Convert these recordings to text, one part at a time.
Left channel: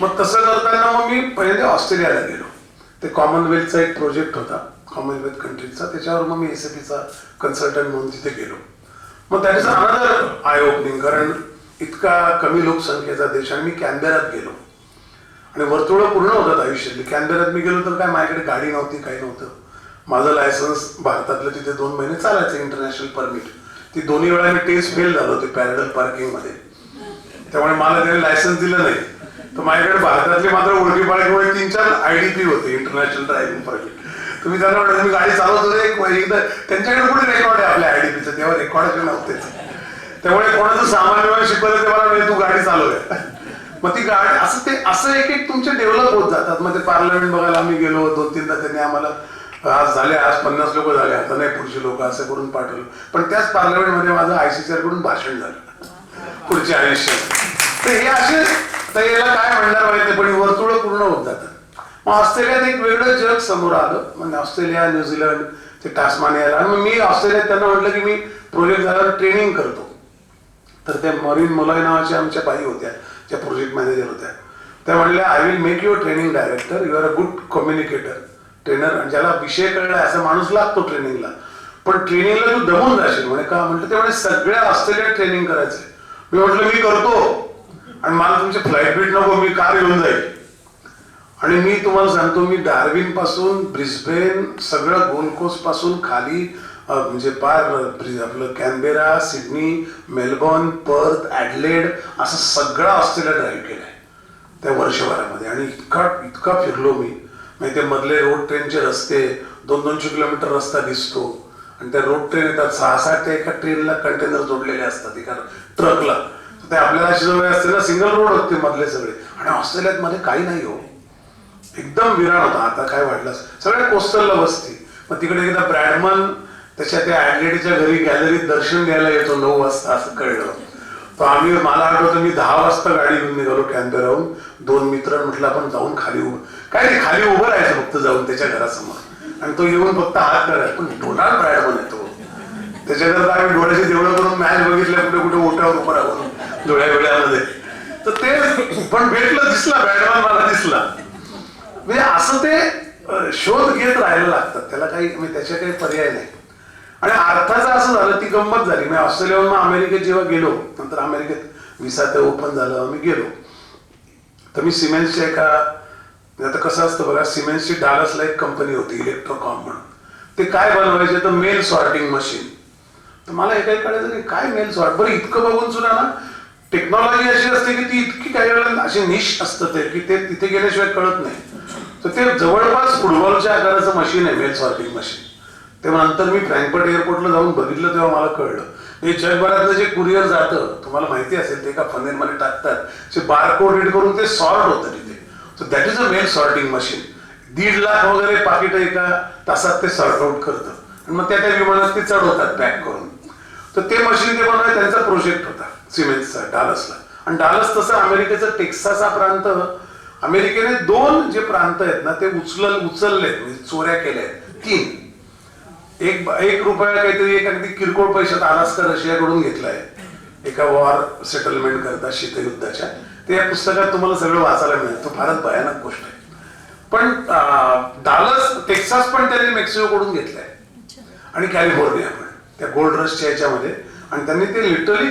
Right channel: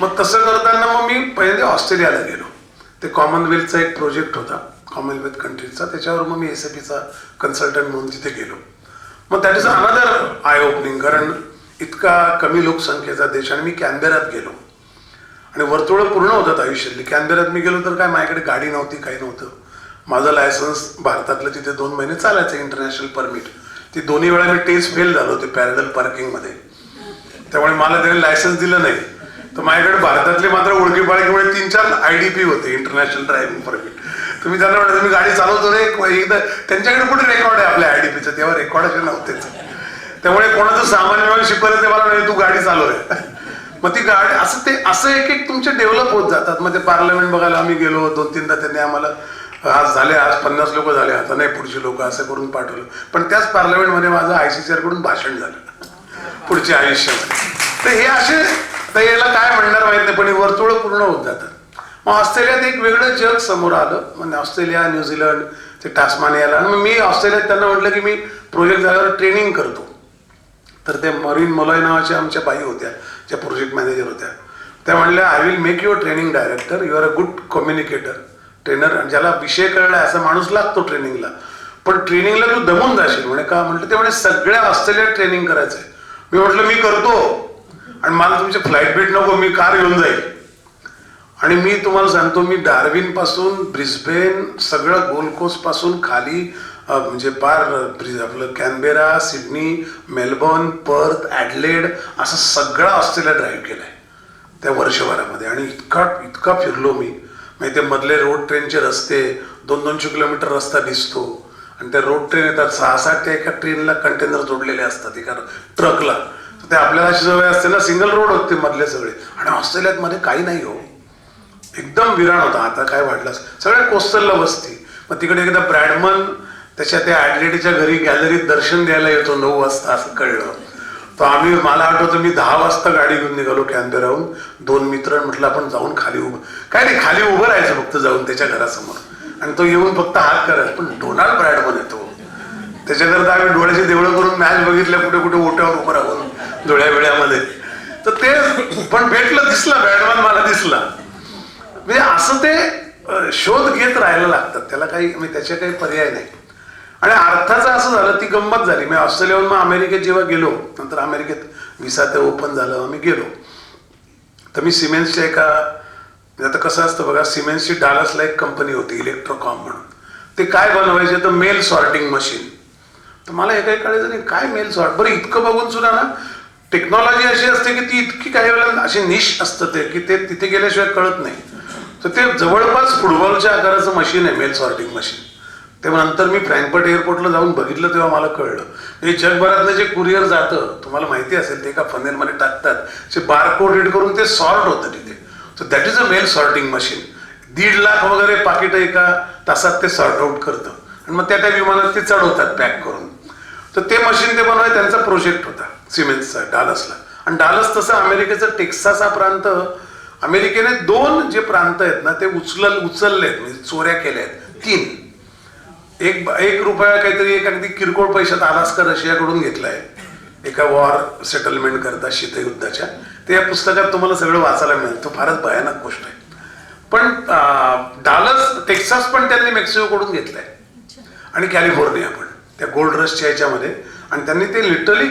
मग तसं करताना मग मी पहिले ऑस्ट्रेलियाला गेलो. ते कॉमनवेल्थचा एक प्रोजेक्ट होता, कॉमनवेल्थ कंट्रीजचा, त्याच्यावर मग मी SAPचा कन्सल्टंट म्हणून तिथे गेलो. मग that is another eye opening, कारण इतका कमी लोकसंख्येचा देश. आणि मी कॅनबेरात गेलो आणि वर्तुळ पूर्ण होतात आयुष्यातली. कॅनबेरात मी गेलो तर काय माझ्याकडे गाडी नव्हती, काही नव्हतं. माझं लायसन्स भारतातलं तिथे 2 महिने चालायचं, इंटरनॅशनल परमिट. ती दोन्ही वेळा मी टेस्ट फेल झालो होते पॅरल पार्किंगमध्ये, त्यामुळे मला त्याने लायसन्स दिलं नाही. तर माझ्याकडे भारतातले मात्र ओळखी पाळखीमुळे 3-4 IDP होते, इंटरनॅशनल ड्रायव्हिंग परमिट. तुम्ही त्यांना म्हणता मी गाडी चालवतो रे, त्यांच्याकडे कुठे रेकॉर्ड आहे आपल्या IDPचं, तेव्हा रेकॉर्ड नव्हतेच. त्यामुळे कोणाचं सामान्य शिकवलं ते मला म्हणजे तू गाडी चालवूया. मग ती गाडी असं एक तुमचे डेव्हलप होत जातात. मग ते पार्लमेंट बघायला आम्ही गेलो 2-3दा. त्यांनी आम्हाला आज 50 लोक झाले, आता नाही पुढची लोक असं करून पाठवलं. पण त्याच पार्लमेंटमध्ये माझं ICCR कडून भाषण झालं पुढच्या आयुष्यात. तर हे असे, तर याला काय म्हणणार माहिती, पण वर्तुळ पूर्ण होत जातात. मग ऑस्ट्रेलियात एक वेगळं जग समोर आलं. म्हणजे ऑस्ट्रेलिया, न्यूझीलंड, ते टास्मानियाला. आणि मी ऑस्ट्रेलियात त्यांना म्हटलं की मी प्रोजेक्ट झाल्यावर ट्रेनिंग करतो. तर ते मरीन मोलॉय नावाच्या आमच्या बाई होत्या, ज्या प्रोजेक्ट मॅनेजर होत्या. त्या म्हणल्या I will make your training director, you are a good communicator, trainer. आणि ज्याला विषय कळलाय असा माणूस लागतो ट्रेनिंगला, पण ट्रेनिंगला तू दमून जाशील. म्हणे का म्हटलं, ते म्हणे सगळ्या ऑस्ट्रेलियात ट्रेनिंग करायचंय. मी म्हटलं मी करतो, आणि मला तुमचे फ्लाईट बीट नको, मी कार येऊन जाईल. आणि मी तुम्हाला सांगतो, मी डार्विन पासून ब्रिस्बेन, सगळं गोल्ड कोस्ट पासून खाली, म्हणजे पार आपलं Canberra, Sydney, Melbourne, Perth, Adelaide, असं सगळं ऑस्ट्रेलिया ड्राईव्ह केलंय त्या वर्षभरामध्ये. आणि इतका फिरलो मी. म्हणजे ते मधले रोड ट्रेनचे रस्ते, 200-200 किलोमीटर रस्ता दिसतो. आणि त्या रोड ट्रेन येतात 6-7, त्या एका ट्रेनला कंटेनर जोडलेले असतात एका ट्रकला. ते आपल्याला अशी सवय असते ना, सिंगल रोड होते मधले सगळे. आणि ऑस्ट्रेलियात मध्ये काही नाही हो, एकदम विराण होता. आता काय वाटलं, सगळ्या कोस्टलला वस्ती. मग तिकडे एकदा ब्रॅडमन त्याच्या त्या ॲडलेडच्या घरी गॅलरीत दर्शन द्यायला येतो 9 वाजता, असं कळलं. तर मला आठवतं मी 10 वाजता गाडी घेऊन निघालो कॅनबेराहून. 2 मित्र म्हटलं आपण जाऊन खाली काय नाही, खाली उभं राहायचं फक्त जाऊन त्याच्या घरासमोर. आणि तो येऊन फक्त हात करायचा. पण डोनाल्ड ब्रॅडमन येतो, त्याच्याकरता आम्ही डोळ्याचे देवळं करून मॅच बघितल्या, कुठे कुठे ओट्यावर उभं राहून डोळ्या वेळ्यामध्ये. तर ते पण भेटलं, दिसला ब्रॅडमन, मला दिसला. म्हणजे असं ते शोध घेत राहायला लागतात, त्याला काही म्हणजे त्याचे काही पर्याय नाही. आणि अर्थाचं असं झालं, ती गंमत झाली. मी ऑस्ट्रेलियाहून मग अमेरिकेत जेव्हा गेलो, नंतर अमेरिकेत व्हिसा ते ओपन झालं, आम्ही गेलो. तर मी सिमेन्सच्या आता कसं असतं बघा, सिमेन्सची डालसला एक कंपनी होती इलेक्ट्रोकॉम म्हणून. ते काय बनवायचे तर मेल सॉर्टिंग मशीन. तर मला हे काही कळायचं नाही, काय मेल सॉर्ट. बरं इतकं बघून सुद्धा ना, टेक्नॉलॉजी अशी असते की ती इतकी काही वेळा अशी निश असतं ते, की ते तिथे गेल्याशिवाय कळत नाही. तर ते जवळपास फुटबॉलच्या आकाराचं मशीन आहे, मेल सॉर्टिंग मशीन. तेव्हा नंतर मी फ्रँकफर्ट एअरपोर्टला जाऊन बघितलं, तेव्हा मला कळलं हे जगभरातलं जे कुरिअर जातं, तुम्हाला माहिती असेल, ते एका फनेलमध्ये टाकतात, ते बारकोड रीड करून ते सॉर्ट होतं तिथे. So that is a mail sorting machine. 1.5 lakh वगैरे पाकिट एका तासात ते सॉर्ट आउट करतं. आणि मग त्या विमानात ते चढवतात पॅक करून. तर ते मशीन ते बनवायचं त्यांचा प्रोजेक्ट होता सिमेन्सचा डालसला. आणि डालस तसं अमेरिकेचं टेक्सास हा प्रांत, अमेरिकेने 2 जे प्रांत आहेत ना ते उचलले, म्हणजे चोऱ्या केल्या आहेत 3. एक रुपया काहीतरी एक अगदी किरकोळ पैशात अलास्का रशियाकडून घेतलाय एका वॉर सेटलमेंट करता, शीतयुद्धाच्या. ते या पुस्तकात तुम्हाला सगळं वाचायला मिळेल. तो फारच भयानक गोष्ट आहे. पण डालस, टेक्सास पण त्यांनी मेक्सिकोकडून घेतलाय, आणि कॅलिफोर्निया पण, त्या गोल्ड रशच्या याच्यामध्ये. आणि त्यांनी ते लिटरली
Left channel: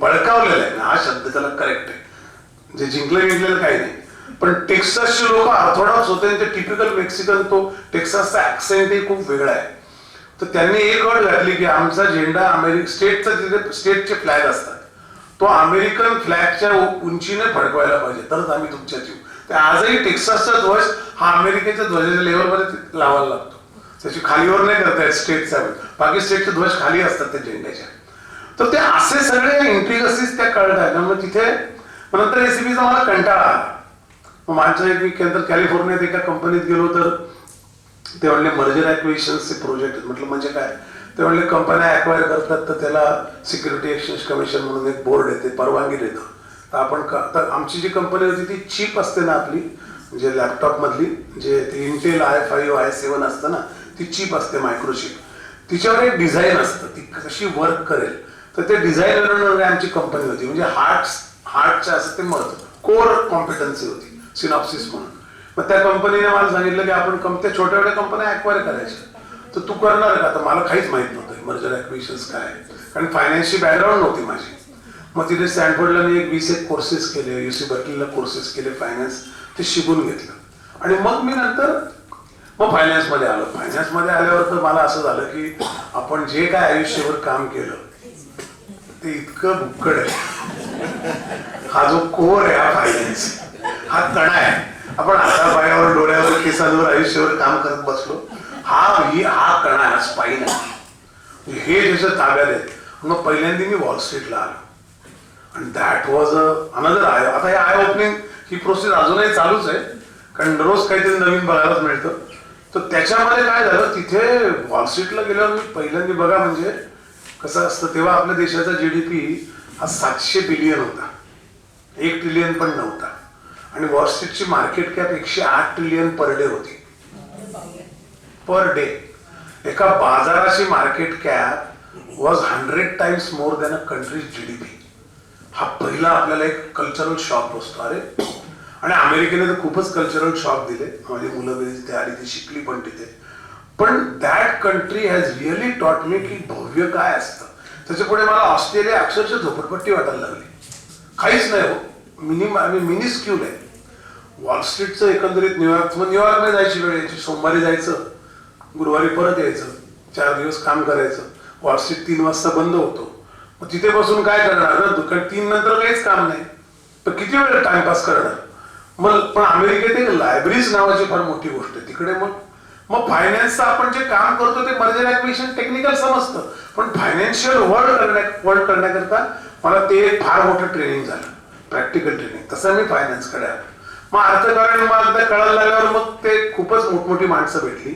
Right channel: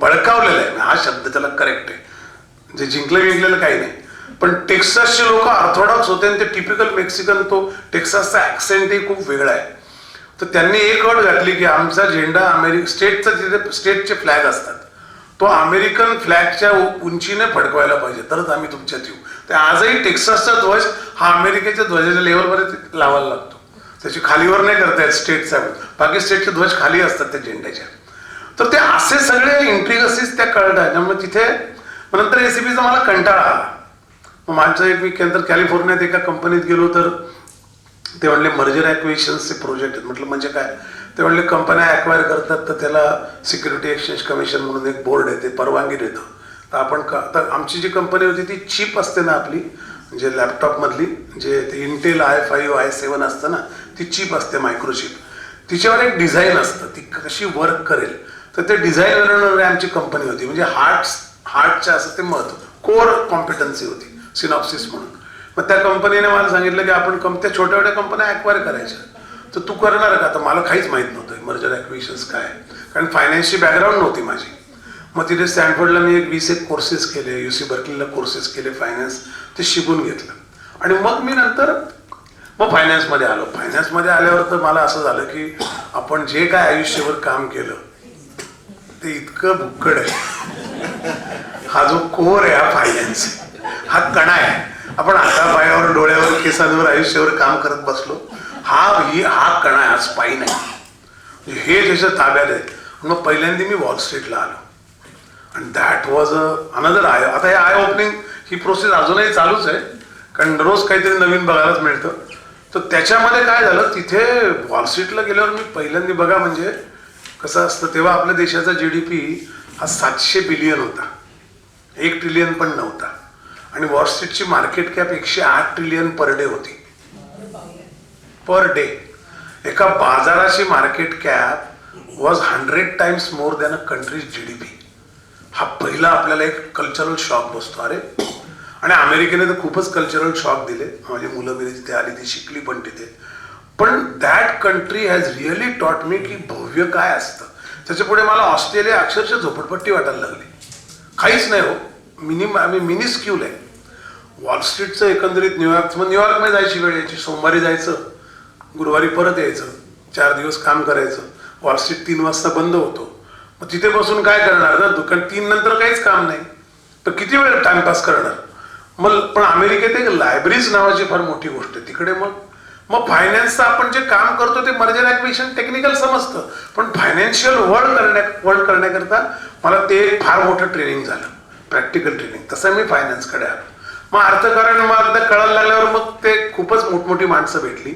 बळकावलेलं आहे. हा शब्द त्याला करेक्ट आहे, जे जिंकलेलं काही नाही. पण टेक्सासचे लोक ऑर्थोडॉक्स होते, आणि ते टिपिकल मेक्सिकन, तो टेक्सासचा ऍक्सेंटही खूप वेगळा आहे. तर त्यांनी एक अट घातली की आमचा झेंडा स्टेटचा, जिथे स्टेटचे फ्लॅग असतात, तो अमेरिकन फ्लॅगच्या उंचीने फडकवायला पाहिजे, तरच आम्ही तुमच्यात येऊ. तर आजही टेक्सासचा ध्वज हा अमेरिकेच्या ध्वजाच्या लेवलमध्ये लावायला लागतो. त्याची खालीवर नाही करतायत स्टेटचा. बाकी स्टेटचे ध्वज खाली असतात त्या झेंड्याच्या. तर ते असे सगळे इंट्रिगसीस त्या कळतात. मग तिथे नंतर रेसिपीचा मला कंटाळा आला. मग माझं एक नंतर कॅलिफोर्नियात एका कंपनीत गेलो, तर ते म्हणले मर्जर ॲक्विजिशनचे प्रोजेक्ट आहेत. म्हटलं म्हणजे काय? ते म्हणले कंपन्या ॲक्वायर करतात, तर त्याला सिक्युरिटी एक्सचेंज कमिशन म्हणून एक बोर्ड आहे, ते परवानगी देतं. तर आपण तर आमची जी कंपनी होती ती चिप असते ना आपली, म्हणजे लॅपटॉपमधली, जे ते इंटेल i5 i7 असतं ना, ती चिप असते मायक्रोचिप. तिच्यावर एक डिझाईन असतं, ती कशी वर्क करेल. तर ते डिझाईन बनवणारी आमची कंपनी होती. म्हणजे हार्टच्या असं ते महत्व, कोर कॉम्पिटन्सी होती सिनॉप्सिस म्हणून. मग त्या कंपनीने मला सांगितलं की आपण त्या छोट्या छोट्या कंपन्या ॲक्वायर करायच्या, तर तू करणार का? तर मला काहीच माहित नव्हतं मर्जर ॲक्विजिशन्स काय, कारण फायनान्सची बॅकग्राऊंड नव्हती माझी. मग तिथे स्टॅनफोर्डला मी 20 कोर्सेस केले, UC बर्कलीला कोर्सेस केले फायनान्स, ते शिकून घेतलं. आणि मग मी नंतर फायनान्समध्ये आलो. फायनान्समध्ये आल्यावर तर मला असं झालं की आपण जे काय आयुष्यभर काम केलं ते इतकं भुक्कड आहे. हा जो कोर आहे हा फायनान्स, हा कणा आहे. आपण हाता पायावर डोळ्यावर केसांवर आयुष्यभर काम करत बसलो, हा कणा आहे, स्पाईन आहे. हे त्याच्या ताब्यात आहे. मग पहिल्यांदा मी वॉल स्ट्रीटला आलो आणि दॅट वॉज अनदर आय. आता हे आय ओपनिंग ही प्रोसेस अजूनही चालूच आहे, कारण रोज काहीतरी नवीन बघायलाच मिळतं. तर त्याच्यामध्ये काय झालं, तिथे वॉल स्ट्रीटला गेल्यावर मी पहिल्यांदा बघा म्हणजे कसं असतं, तेव्हा आपल्या देशाचा GDP हा 700 बिलियन होता, 1 ट्रिलियन पण नव्हता. आणि वॉल स्ट्रीटची market cap 108 trillion per day होती. Per day. एका बाजाराची market cap was 100 times more than a country's GDP. हा पहिला आपल्याला एक कल्चरल शॉक बसतो. अरे, आणि अमेरिकेने तर खूपच कल्चरल शॉक दिले. माझी मुलं बिली तिथे आली, ती शिकली पण तिथे. पण that country has really taught me की भव्य काय असतं. त्याच्या पुढे मला ऑस्ट्रेलिया अक्षरशः झोपडपट्टी वाटायला लागली. काहीच नाही हो, मिनिस्क्यूल आहे. वॉल स्ट्रीटचं एकंदरीत न्यूयॉर्कमध्ये जायची वेळ यायची. सोमवारी जायचं, गुरुवारी परत यायचं, 4 दिवस काम करायचं. वॉल स्ट्रीट 3 वाजता बंद होतो. मग तिथे बसून काय करणार ना, दुकान 3 नंतर काहीच काम नाही, तर किती वेळ टाइमपास करणार. मग पण अमेरिकेत एक लायब्ररीज नावाची फार मोठी गोष्ट आहे तिकडे. मग फायनान्सचं आपण जे काम करतो ते मर्जर ॲक्विजिशन टेक्निकल समजतं, पण फायनान्शियल वर्ल्ड करण्याकरता मला ते फार मोठं ट्रेनिंग झालं, प्रॅक्टिकल ट्रेनिंग. तसं मी फायनान्सकडे आलो. मग अर्थकारण मला कळायला लागल्यावर मग ते खूपच मोठमोठी माणसं भेटली.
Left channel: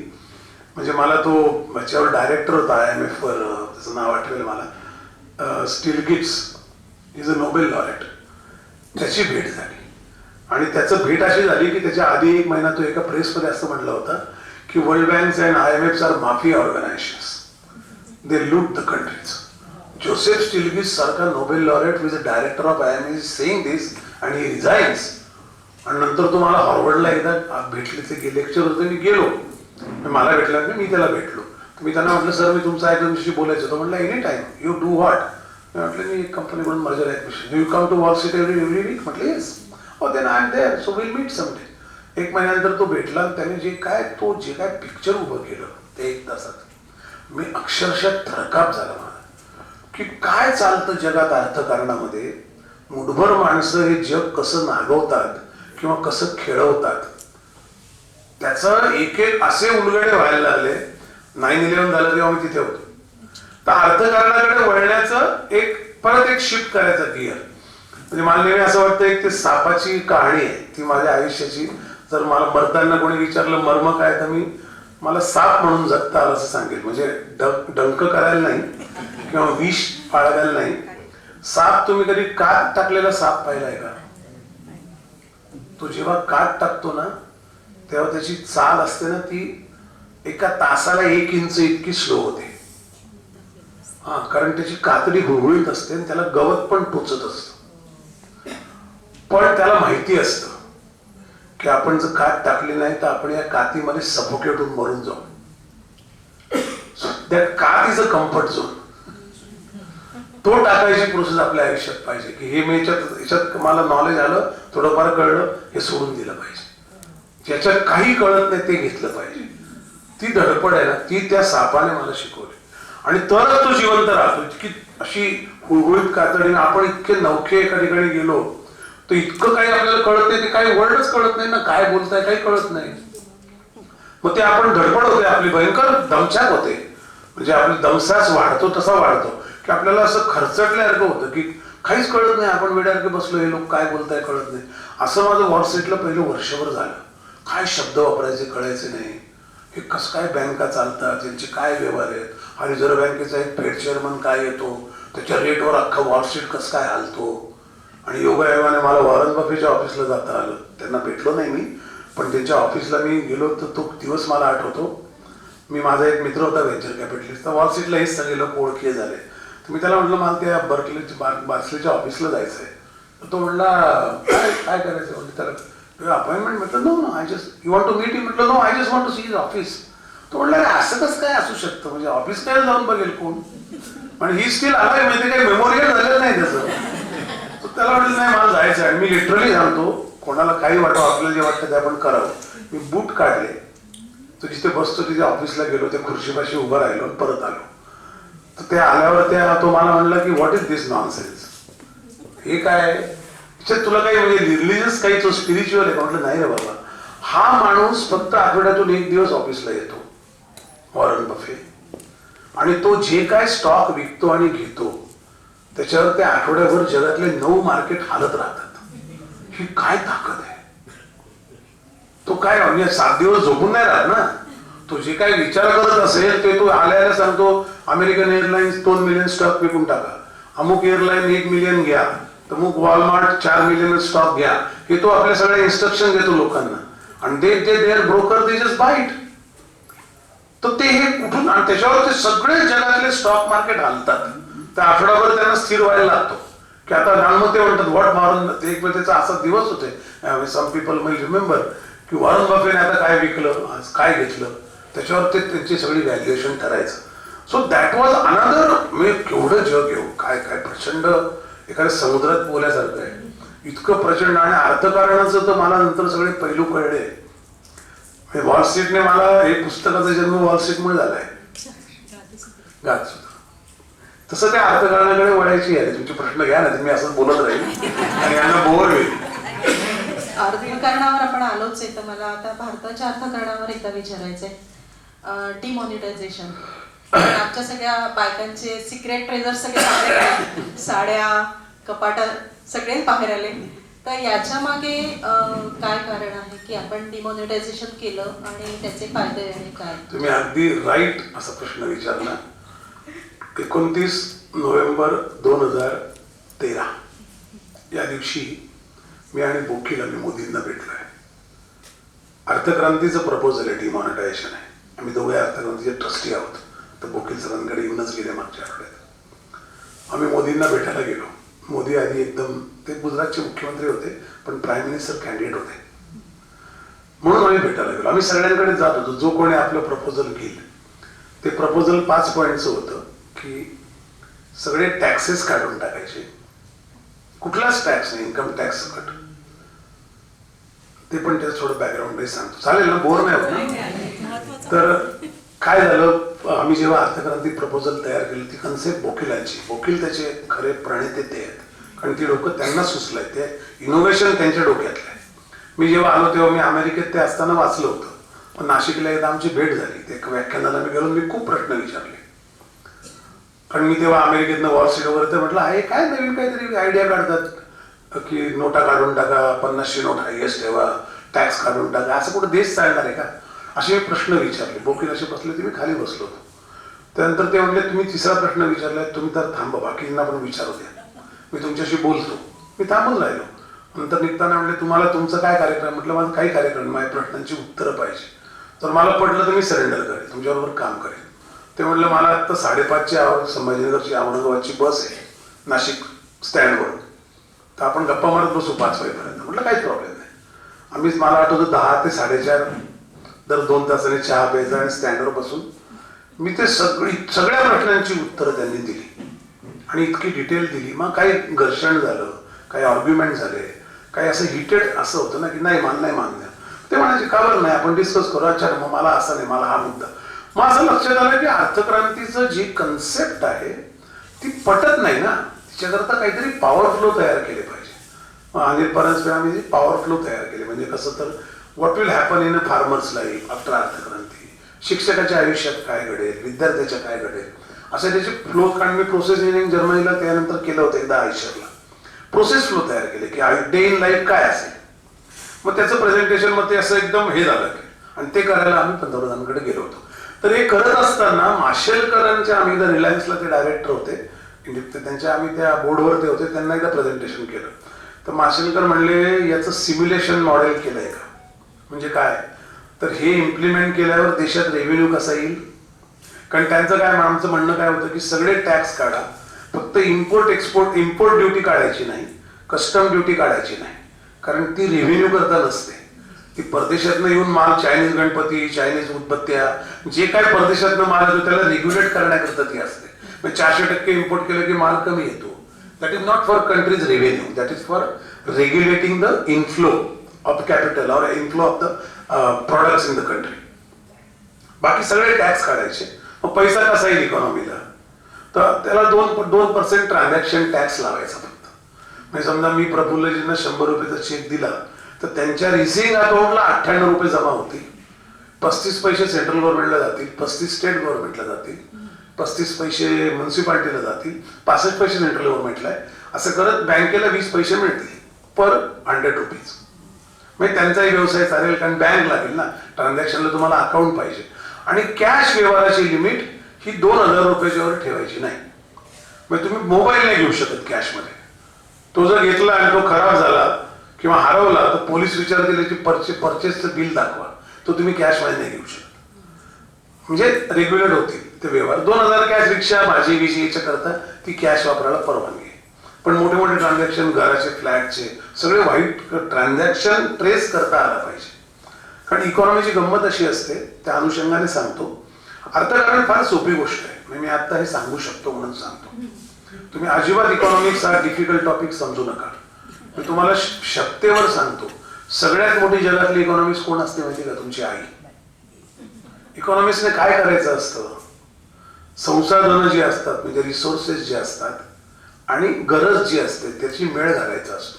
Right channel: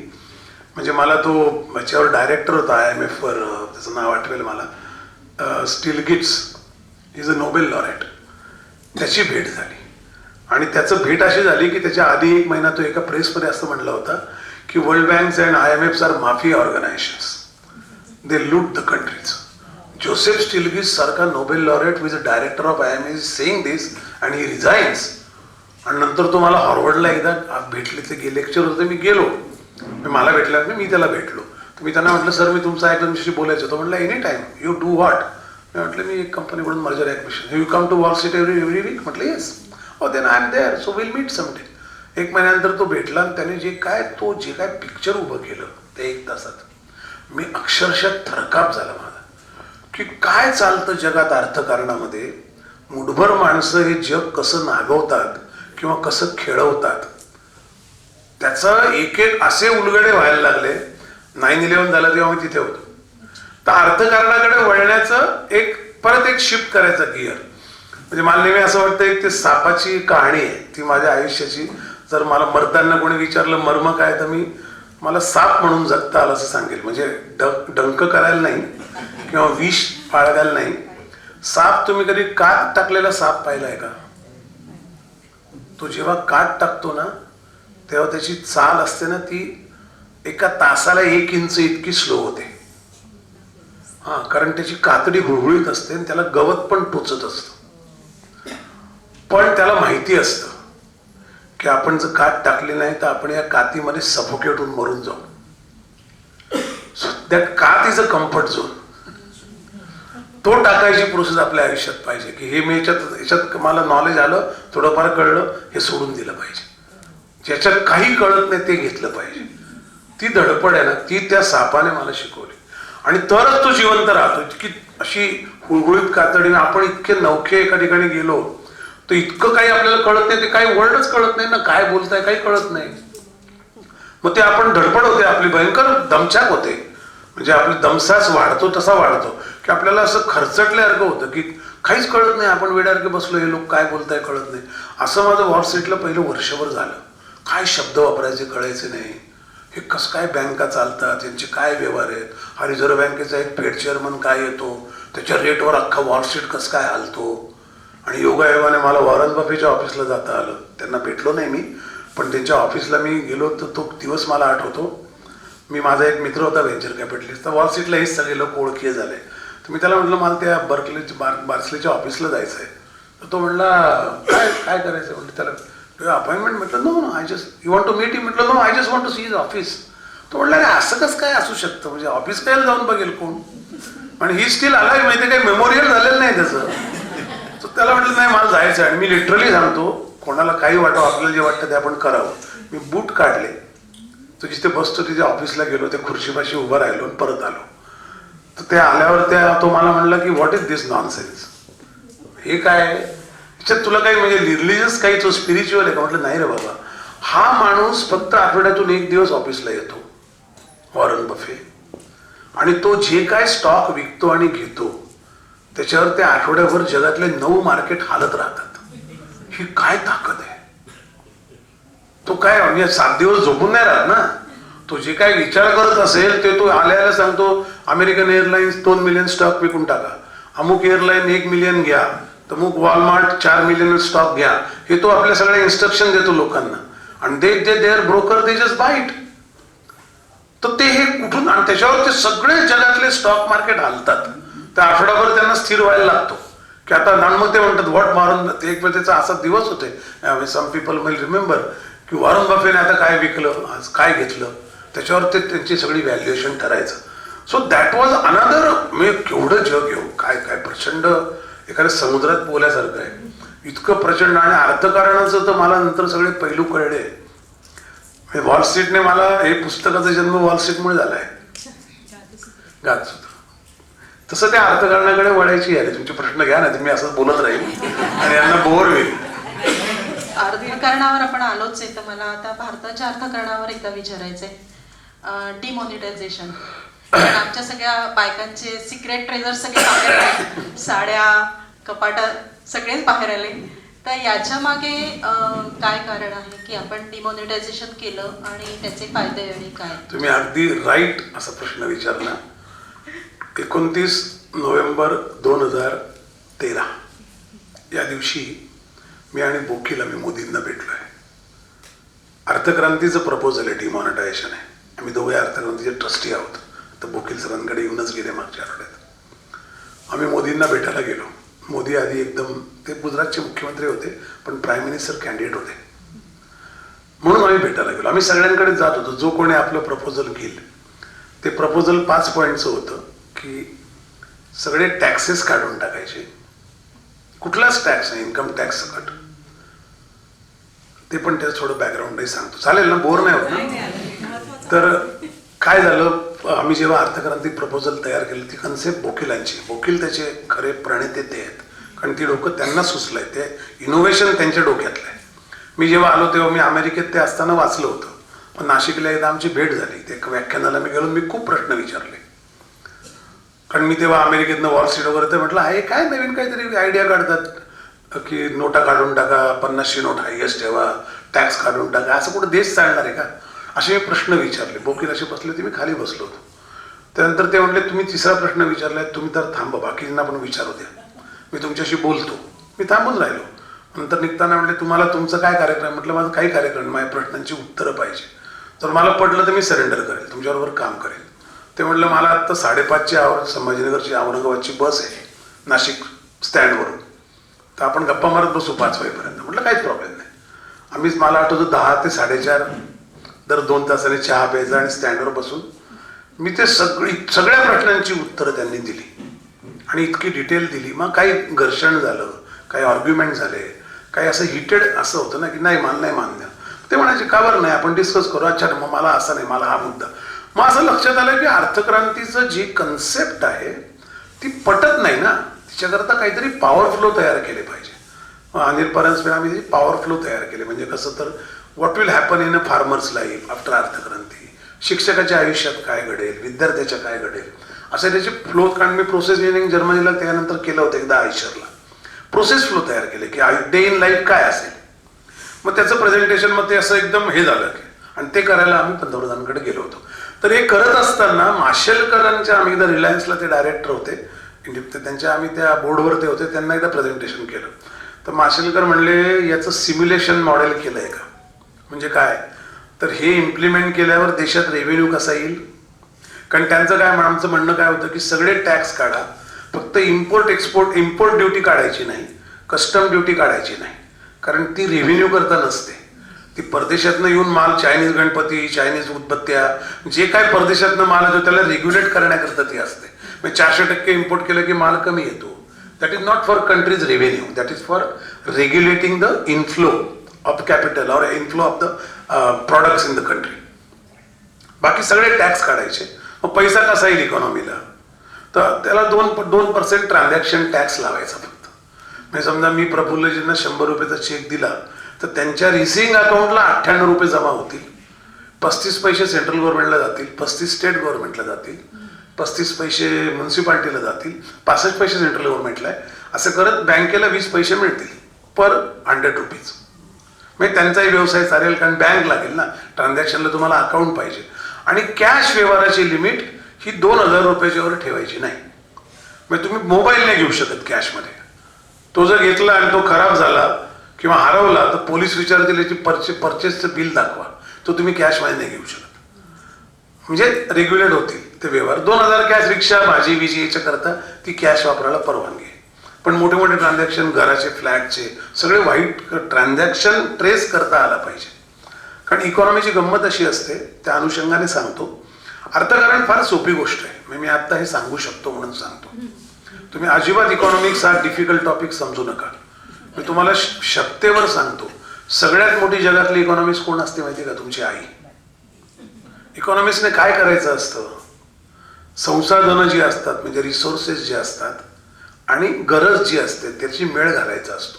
म्हणजे मला तो याच्यावर डायरेक्टर होता IMF वर, त्याचं नाव आठवेल मला, स्टिल्गिट्स, इज अ नोबेल लॉरेट. त्याची भेट झाली. आणि त्याचं भेट अशी झाली की त्याच्या आधी 1 महिना तो एका प्रेसमध्ये असं म्हणलं होतं की world banks and IMFs are mafia organisations, they loot the countries. Joseph Stiglitz सारखा Nobel laureate with a director of IMF is saying this and he resigns. आणि नंतर तो मला हार्वर्डला एकदा भेटले, ते लेक्चर होते, मी गेलो. मला भेटला, मी त्याला भेटलो. तर मी त्यांना म्हटलं, सर मी तुमचा तुमच्याशी बोलायचं होतं. म्हटलं any time, you do what. मी म्हटलं मी एक कंपनीकडून merger acquisition. You come to Wall Street every week. म्हटलं येस. हो, then I am there, so will meet someday. 1 महिन्यानंतर तो भेटला. त्याने जे काय पिक्चर उभं केलं ते 1 तासात, मी अक्षरशः थरकाप झाला मला की काय चालतं जगात अर्थकारणामध्ये. मुठभर माणसं हे जग कसं नागवतात किंवा कसं खेळवतात, त्याचं एक असे उलगडे व्हायला लागले. 9/11 झालं तेव्हा मी तिथे होतो. तर अर्थकारणाकडे वळण्याचं परत एक शिफ्ट करायचा गिअर. म्हणजे मला नेहमी असं वाटतं, एक ते सापाची कहाणी आहे ती माझ्या आयुष्याची. जर मला मरताना कोणी विचारलं मर्म काय, तर मला साप म्हणून जगता आलं असं सांगेल. म्हणजे डंक करायला नाही किंवा विष पाळायला नाही. साप, तुम्ही कधी कात टाकलेला साप पाहिलाय का? तो जेव्हा कात टाकतो ना, तेव्हा त्याची चाल असते ना, ती एका तासाला 1 इंच इतकी स्लो होते. कारण त्याची कातडी गुळगुळीत असते आणि त्याला गवत पण टोचत असतं. पण त्याला माहिती असतं की आपण जर कात टाकली नाही तर आपण या कातीमध्ये सफोकेट होऊन मरून जाऊ. दॅट कात इज अ कम्फर्ट झोन. तो टाकायची प्रोसेस आपल्या आयुष्यात पाहिजे की हे मी याच्यात मला नॉलेज आलं, थोडंफार कळलं, हे सोडून दिलं पाहिजे. ज्याच्यात काही कळत नाही ते घेतलं पाहिजे. ती धडपड आहे ना, ती त्या सापाने मला शिकवली. आणि तरच तो जिवंत राहतो. इतकी अशी हुळहुळीत कातडीने आपण इतके नवखे एका ठिकाणी गेलो तर इतकं काही आपल्याला कळत नाही, ते काही वर्डच कळत नाही ना, काय बोलताय काही कळत नाही. मग ते आपण धडपड होते आपली, भयंकर दमछाक होते. म्हणजे आपली दमसास वाढतो तसा वाढतो की आपल्याला असं खर्चटल्यासारखं होतं की काहीच कळत नाही, आपण वेड्यासारखे बसलो, हे लोक काय बोलताय कळत नाही. असं माझं वॉल स्ट्रीटला पहिलं वर्षभर झालं. काय शब्द वापरायचे कळायचे नाही. हे कसं काय बँका चालतात, त्यांचे काय व्यवहार आहेत, हा रिझर्व्ह बँकेचा एक फेड चेअरमन काय येतो, त्याच्या रेटवर अख्खा वॉल स्ट्रीट कसं काय हलतो. आणि योगायोगाने मला वॉरन बफेच्या ऑफिसला जाता आलं. त्यांना भेटलो नाही मी, पण त्यांच्या ऑफिसला मी गेलो तर तो दिवस मला आठवतो. माझा एक मित्र होता व्हेंचर कॅपिटलिस्ट, तर वॉल स्ट्रीटला हेच सगळे लोक ओळखी झाले. तर मी त्याला म्हटलं मला त्या बार्सलेच्या ऑफिसला जायचं आहे. तर तो म्हणला काय काय करायचं म्हणजे त्याला अपॉइंटमेंट म्हटलं no I just you want to meet, म्हटलं no I just want to see his office. तो म्हणला असं कसं काय असू शकतं, म्हणजे ऑफिस काय जाऊन बघेल कोण, आणि ही स्टील आलाय म्हणजे काही मेमोरियल झालेलं नाही त्याचं. तर त्याला म्हटलं नाही मला जायचं आहे. आणि मी लिटरली सांगतो, कोणाला काही वाटतं आपल्याला जे वाटतं ते आपण करावं. मी बूट काढले, तो जिथे बसतो तिथे ऑफिसला गेलो, त्या खुर्चीपाशी उभं राहिलो आणि परत आलो. तर ते आल्यावर तो मला म्हणला की व्हॉट इज दिस नॉनसेन्स, हे काय आहे त्याच्यात, तुला काही म्हणजे रिलिजियस काही तो स्पिरिच्युअल आहे का. म्हटलं नाही रे बाबा, हा माणूस फक्त आठवड्यातून 1 दिवस ऑफिसला येतो, वॉरन बफे, आणि तो जे काय स्टॉक विकतो आणि घेतो त्याच्यावर त्या आठवड्याभर जगातले 9 मार्केट हालत राहतात. ही काय ताकद आहे. तो काय म्हणजे 7 दिवस झोपून नाही राहत ना. तो जे काय विचार करत असेल ते तो आल्याला सांगतो, अमेरिकन एअरलाइन्स 2 मिलियन स्टॉक विकून टाका, अमुक एअरलाईन 1 मिलियन घ्या, अमुक वॉलमार्ट 4 मिलियन स्टॉक घ्या. हे तो आपल्या सगळ्या इन्स्ट्रक्शन देतो लोकांना, आणि their broker they just buy it. तर ते हे कुठून, आणि त्याच्यावर ते सगळे जगातले स्टॉक मार्केट हालतात. त्या आठवड्याभर त्यांना स्थिर व्हायला लागतो की आता मग ते म्हणतात व्हॉट वॉरन, एक त्याचा असा दिवस होते, सम पीपल विल रिमेंबर की वॉरन बफेने आता काय विकलं, आज काय घेतलं, त्याच्यावर ते त्यांची सगळी व्हॅल्युएशन ठरायचं. सो दॅट वॉज अनदर, मी केवढं जग येऊ, काय काय प्रचंड एखाद्या समुद्रात बोलल्यासारखं आहे, इतकं प्रचंड. आणि अर्थकारणाचं तर मला नंतर सगळे पैलू कळले. वॉल स्ट्रीटने मला, हे पुस्तकाचा जन्म वॉल स्ट्रीटमुळे झालाय, गाजसूत्र. तसं त्या अर्थकारणाकडे वळायची आहे. तुमचे प्रश्न घ्या ना, मी असंच बोलत राहील आणि यांना बोर होईल. अर्थकारणावर आपण आलोच आहे, तर मला आता भारताच्या अर्थकारणावर एकदा विचारायचंय. डिमॉनिटायझेशन, आमच्या सगळ्या बायकांचे सिक्रेट ट्रेजर सगळे बाहेर आले, साड्या कपाट सगळेच बाहेर आले. तर याच्या मागे काय कारण आहे की आपण डिमॉनिटायझेशन केलं आणि त्याचे फायदे आणि काय? तुम्ही अगदी राईट असा प्रश्न विचारला. 29 नोव्हेंबर 2013 या दिवशी मी आणि बोकीला मी मोदींना भेटलोय. अर्थक्रांतीचं प्रपोजल आहे, डिमॉनिटायझेशन आहे. आम्ही दोघे अर्थक्रांतीचे ट्रस्टी आहोत. तर बोकील सरांकडे येऊनच गेले मागच्या आठवड्यात. आम्ही मोदींना भेटायला गेलो. मोदी आधी एकदम, ते गुजरातचे मुख्यमंत्री होते पण प्राईम मिनिस्टर कॅन्डिडेट होते, म्हणून आम्ही भेटायला गेलो. आम्ही सगळ्यांकडे जात होतो, जो कोणी आपलं प्रपोजल घेईल. ते प्रपोजल 5 पॉईंटचं होतं की सगळे टॅक्सेस काढून टाकायचे, कुठलाच टॅक्स नाही, इन्कम टॅक्स कट. ते पण त्याचं थोडं बॅकग्राऊंडही सांगतो, चालेल ना, बोर नाही होत ना. तर काय झालं, आम्ही जेव्हा अर्थक्रांती प्रपोजल तयार केली, ती कन्सेप्ट बोकीलांची, बोकील त्याचे खरे प्रणेते ते आहेत, कारण ती डोकं त्यांना सुचलंय, ते इनोव्हेशन त्यांच्या डोक्यातलं आहे. मी जेव्हा आलो तेव्हा मी अमेरिकेत ते असताना वाचलं होतं, पण नाशिकला एकदा आमची भेट झाली. ते एका व्याख्यानाला मी गेलो, मी खूप प्रश्न विचारले, कारण मी तेव्हा अमेरिकेतनं वॉल स्ट्रीट वगैरे. तर म्हटलं हे काय नवीन काहीतरी आयडिया काढतात की नोटा काढून टाका, 50ची नोट हायएस्ट ठेवा, टॅक्स काढून टाका, असं कुठं देश चालणार आहे का, असे मी प्रश्न विचारले. बोकील असे बसले होते, मी खाली बसलो होतो. त्यानंतर ते म्हटले तुम्ही 3रा प्रश्न विचारलाय, तुम्ही तर थांबा, बाकींना पण विचारू द्या, मी तुमच्याशी बोलतो. मी थांबून राहिलो. नंतर निघताना म्हटले तुम्हाला तुमचं काय कार्यक्रम. म्हटलं माझं काही कार्यक्रम, माझ्या प्रश्नांची उत्तरं पाहिजे, तर मला पडलं तर मी सरेंडर करेल, तुमच्याबरोबर काम करेल. ते म्हटलं मला आत्ता 5:30ची संभाजीनगरची औरंगाबादची बस आहे नाशिक स्टँडवरून, तर आपण गप्पा मारत बसू 5 वाजेपर्यंत. म्हटलं काहीच प्रॉब्लेम नाही. आम्ही, मला आठवतं 10 ते 4:30 दर 2 तासाने चहा प्यायचा आणि स्टँडवर बसून मी ते सगळ्या प्रश्नांची उत्तरं त्यांनी दिली आणि इतकी डिटेल दिली. मग काही घर्षण झालं, काही आर्ग्युमेंट झाले, काही असं हिटेड असं होतं ना की नाही मला नाही मान्य. ते म्हणायचे का बरं नाही, आपण डिस्कस करू. अच्छा, मग मला असं नाही, मला हा मुद्दा. मग असं लक्षात आलं की अर्थक्रांतीचं जी कन्सेप्ट आहे ती पटत नाही ना, तिच्याकरता काहीतरी पॉवर फ्लो तयार केले पाहिजे. अनिल परांजपे आम्ही पॉवर फ्लो तयार केले, म्हणजे कसं तर what will happen in a farmer's life after Arthakranti, शिक्षकाच्या आयुष्यात काय घडेल, विद्यार्थ्याच्या काय घडेल, असं त्याचे फ्लो. कारण मी प्रोसेस इंजिनिअरिंग जर्मनीला त्यानंतर केलं होतं एकदा आयशरला, प्रोसेस फ्लो तयार केले की डे इन लाईफ काय असेल. मग त्याचं प्रेझेंटेशन, मग ते असं एकदम हे झालं आणि ते करायला आम्ही पंतप्रधानांकडे गेलो होतो. तर हे करत असताना माशेलकरांच्या, आम्ही एकदा रिलायन्सला ते डायरेक्टर होते, त्यांच्या आम्ही त्या बोर्डवर ते होते, त्यांना एकदा प्रेझेंटेशन केलं. तर माशेलकर म्हणले याचं सिम्युलेशन मॉडेल केलंय का. म्हणजे काय, तर हे इम्प्लिमेंट केल्यावर देशात रेव्हेन्यू कसा येईल. कारण त्यांचं काय, आमचं म्हणणं काय होतं की सगळे टॅक्स काढा, फक्त इम्पोर्ट एक्सपोर्ट, इम्पोर्ट ड्युटी काढायची नाही, कस्टम ड्युटी काढायची नाही, कारण ती रेव्हेन्यू करता नसते. ती परदेशातनं येऊन माल, चायनीज गणपती, चायनीज उदबत्त्या, जे काय परदेशातनं माल येतो त्याला रेग्युलेट करण्याकरता ती असते. 400% इम्पोर्ट केलं की माल कमी येतो. That is not for country's revenue, that is for regulating the inflow of capital और inflow of the products in the country. बाकी सगळे टॅक्स काढायचे. मग पैसा कसा येईल इकॉनॉमीला, तर त्याला 2% ट्रान्झॅक्शन टॅक्स लावायचा फक्त. म्हणजे समजा मी प्रफुल्लजींना 100 रुपयाचा चेक दिला तर त्यांच्या रिसिव्हिंग अकाउंटला 98 रुपये जमा होतील, 35 पैसे सेंट्रल गव्हर्नमेंटला जातील, 35 स्टेट गव्हर्नमेंटला जातील, 35 पैसे म्युन्सिपाल्टीला जातील, 65 पैसे सेंट्रल गव्हर्नमेंटला आहे. असं करत बँकेला 20 पैसे मिळतील पर 100 रुपीज. म्हणजे त्यांचाही व्यवसाय चालेल, कारण बँक लागेल ना, ट्रान्झॅक्शनला तुम्हाला अकाउंट पाहिजे. आणि कॅश व्यवहाराची लिमिट ही 2000 रुपयाच्या वर ठेवायची नाही. म्हणजे तुम्ही मोबाईल नाही घेऊ शकत कॅशमध्ये. तो जर घेतला आणि तो खराब झाला किंवा हरवला तर पोलीस विचारतील की परचेसचं बिल दाखवा, तो तुम्ही कॅशमध्ये नाही घेऊ शकत. म्हणजे रेग्युलेट होतील ते व्यवहार. 2000 कॅश, रिक्षा, भाजी बिजी याच्या करता ती कॅश वापरायला परवानगी आहे. पण मोठे मोठे ट्रान्झॅक्शन, घराचे, फ्लॅटचे सगळे व्हाईट ट्रान्झॅक्शन ट्रेस करता आला पाहिजे. कारण इकॉनॉमीची गंमत अशी असते, त्या अनुषंगाने सांगतो. अर्थकारण फार सोपी गोष्ट आहे, मी आता हे सांगू शकतो म्हणून सांगतो. तुम्ही अजिबात इकॉनॉमिक्स हा डिफिकल्ट टॉपिक समजू नका. मी तुम्हाला शक्तेवर सांगतो, सगळ्यात मोठी जगातली इकॉनॉमिक्स कोण असते माहिती का? तुमची आई. इकॉनॉमिक्सने काय करायचं असतं, संसाधनं जी असतात म्हणजे रिसोर्सेस जे असतात आणि गरज जी असते त्याची मेळ घालायचा असतो.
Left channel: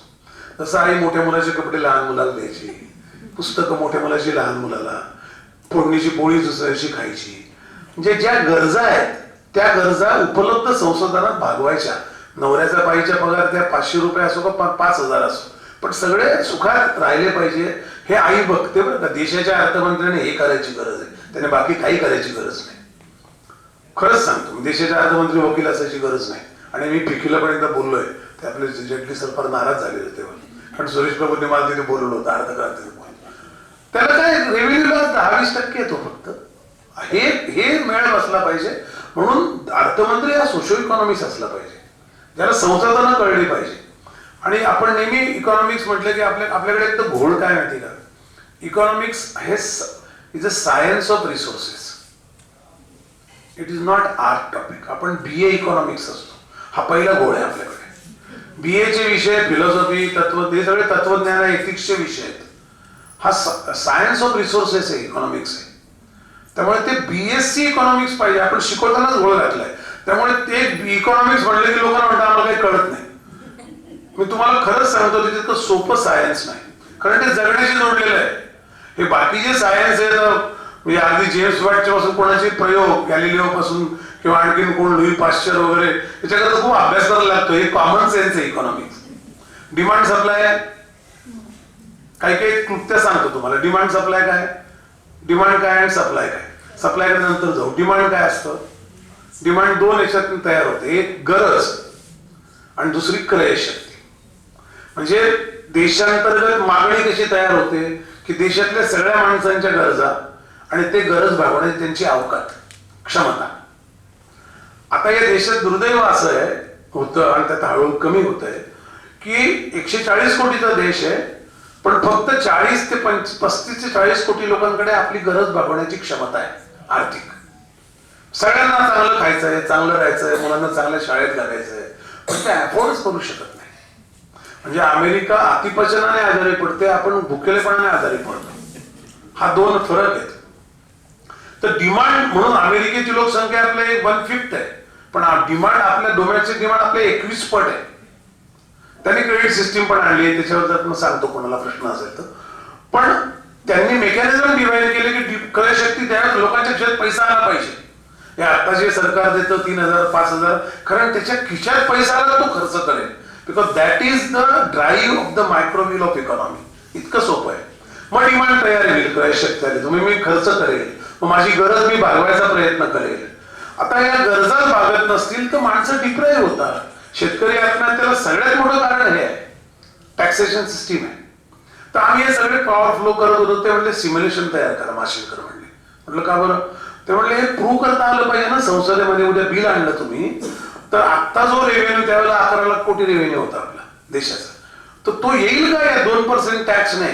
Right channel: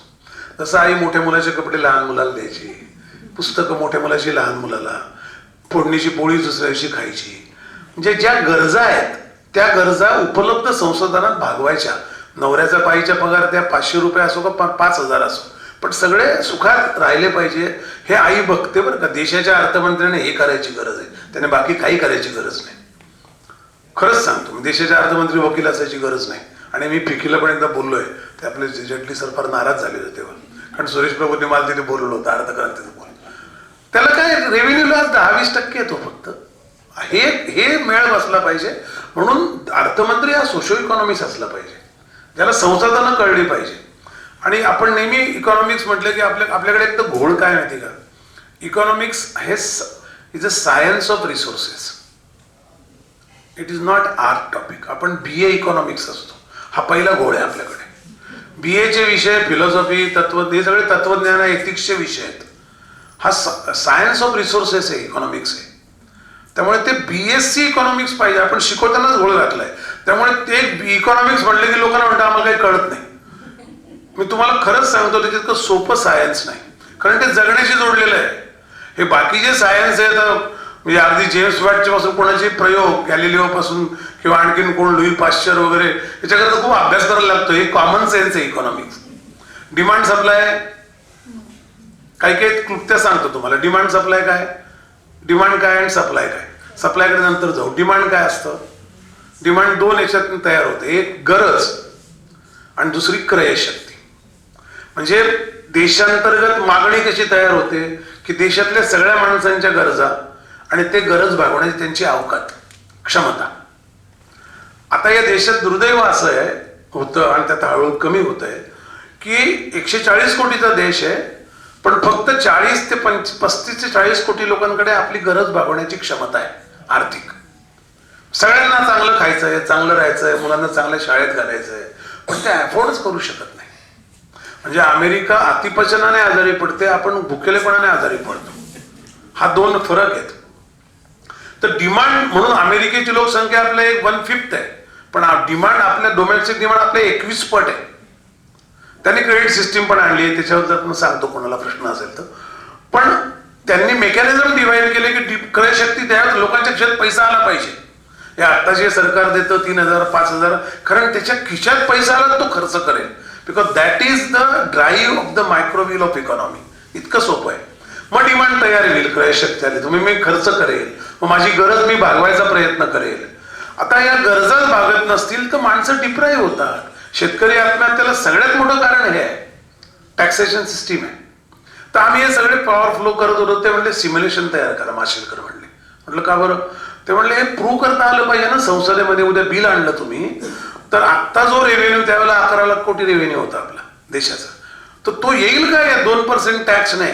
जसं आई मोठ्या मुलाचे कपडे लहान मुलाला द्यायची, पुस्तकं मोठ्या मुलाची लहान मुलाला, फोडणीची पोळी दुसऱ्या दिवशी खायची. म्हणजे ज्या गरजा आहेत त्या गरजा उपलब्ध संसाधनात भागवायच्या. नवऱ्याचा पायीचा पगार त्या 500 रुपये असो का 5000 असो, पण सगळे सुखात राहिले पाहिजे हे आई बघते बरं का. देशाच्या अर्थमंत्र्याने हे करायची गरज आहे, त्याने बाकी काही करायची गरज नाही. खरंच सांगतो, देशाच्या अर्थमंत्री वकील असायची गरज नाही. आणि मी पिकीला पण एकदा बोललोय, ते आपले जेटली सर फार नाराज झाले होते तेव्हा, कारण सुरेश प्रभूंनी मला तिथे बोलवलं होतं अर्थक्रांतीचं. त्याला काय रेव्हेन्यूला 10-20% येतो फक्त. हे मेळ बसला पाहिजे. म्हणून अर्थमंत्री हा सोशो इकॉनॉमिक्स असला पाहिजे, ज्याला संसाधनं कळली पाहिजे. आणि आपण नेहमी इकॉनॉमिक्स म्हटलं की आपल्याकडे एक तर घोळ काय माहिती का, इकॉनॉमिक्स हे is a science of resources, it is not art topic. आपण BA इकॉनॉमिक्स असतो, हा पहिला घोळ आहे आपल्याकडे. BA चे विषय फिलॉसॉफी, तत्व, हे सगळे तत्वज्ञान, एथिक्सचे विषय आहेत. हा सायन्स ऑफ रिसोर्सेस आहे, इकॉनॉमिक्स आहे. त्यामुळे ते BSc इकॉनॉमिक्स पाहिजे. आपण शिकवतानाच घोळ घातलाय. त्यामुळे ते इकॉनॉमिक्स म्हणले की लोकांना म्हणतात आम्हाला काही कळत नाही. मी तुम्हाला खरंच सांगतो, ते तितकं सोपं सायन्स नाही, कारण ते जगण्याशी जोडलेलं आहे. हे बाकीचे सायन्स आहेत म्हणजे अगदी जेम्स वॅटच्या पासून कोणाचे प्रयोग, गॅलिलिओ पासून किंवा आणखीन कोण लुई पाश्चर वगैरे, याच्याकरता खूप अभ्यास करायला लागतो. हे कॉमन सेन्स आहे इकॉनॉमिक्स. डिमांड सप्लाय, काही काही क्लुप्त्या सांगतो तुम्हाला. डिमांड सप्लाय काय, डिमांड काय आणि सप्लाय काय. सप्लायकडे नंतर जाऊ. डिमांड काय असतं, डिमांड 2 याच्यातून तयार होते, एक गरज आणि दुसरी क्रयशक्ती. म्हणजे देशांतर्गत मागणी कशी तयार होते की देशातल्या सगळ्या माणसांच्या गरजा आणि ते गरज भागवण्याची त्यांची अवकात, क्षमता. आता या देशात दुर्दैव असं आहे होतं आणि त्यात हळूहळू कमी होत आहे की 140 कोटीचा देश आहे, पण फक्त 40 ते 35 ते 40 कोटी लोकांकडे आपली गरज भागवण्याची क्षमता आहे आर्थिक. सगळ्यांना चांगलं खायचंय, चांगलं राहायचंय, मुलांना चांगल्या शाळेत घालायचंय, पण ते अफोर्डच करू शकत नाही. म्हणजे अमेरिका अतिपचनाने आजारी पडते, आपण भुकेलेपणाने आजारी पडतो. हा 2 फरक आहेत. तर डिमांड म्हणून अमेरिकेची लोकसंख्या आपल्या 1/5 आहे, पण डिमांड आपल्या डोमेस्टिक डिमांड आपल्या 21 पट आहे. त्यांनी क्रेडिट सिस्टीम पण आणली, त्याच्यावर जर मी सांगतो कोणाला प्रश्न असेल तर. पण त्यांनी मेकॅनिझम डिव्हाइड केले की क्रयशक्ती त्या लोकांच्या खिशात पैसा आला पाहिजे. हे आता जे सरकार देतं 3000 5000, कारण त्याच्या खिशात पैसा आला तो खर्च करेल, because that is the drive of the micro wheel of economy. इतकं सोपं आहे. मग डिमांड तयार होईल, क्रयशक्ती आली, तुम्ही मी खर्च करेल, मग माझी गरज मी भागवायचा प्रयत्न करेल. आता या गरजाच भागत नसतील तर माणसं डिप्राईव्ह होतात. शेतकरी आत्महत्याला सगळ्यात मोठं कारण हे आहे, टॅक्सेशन सिस्टीम आहे. तर आम्ही हे सगळे पॉवर फ्लो करत होतो. ते म्हणले सिम्युलेशन तयार करा, माशेलकर म्हणले. म्हटलं का बरं? ते म्हणले हे प्रूव्ह करता आलं पाहिजे ना संसदेमध्ये. उद्या बिल आणलं तुम्ही तर आत्ता जो रेव्हेन्यू त्यावेळेला 11 लाख कोटी रेव्हेन्यू होता आपला देशाचा, तर तो येईल का या 2% टॅक्सने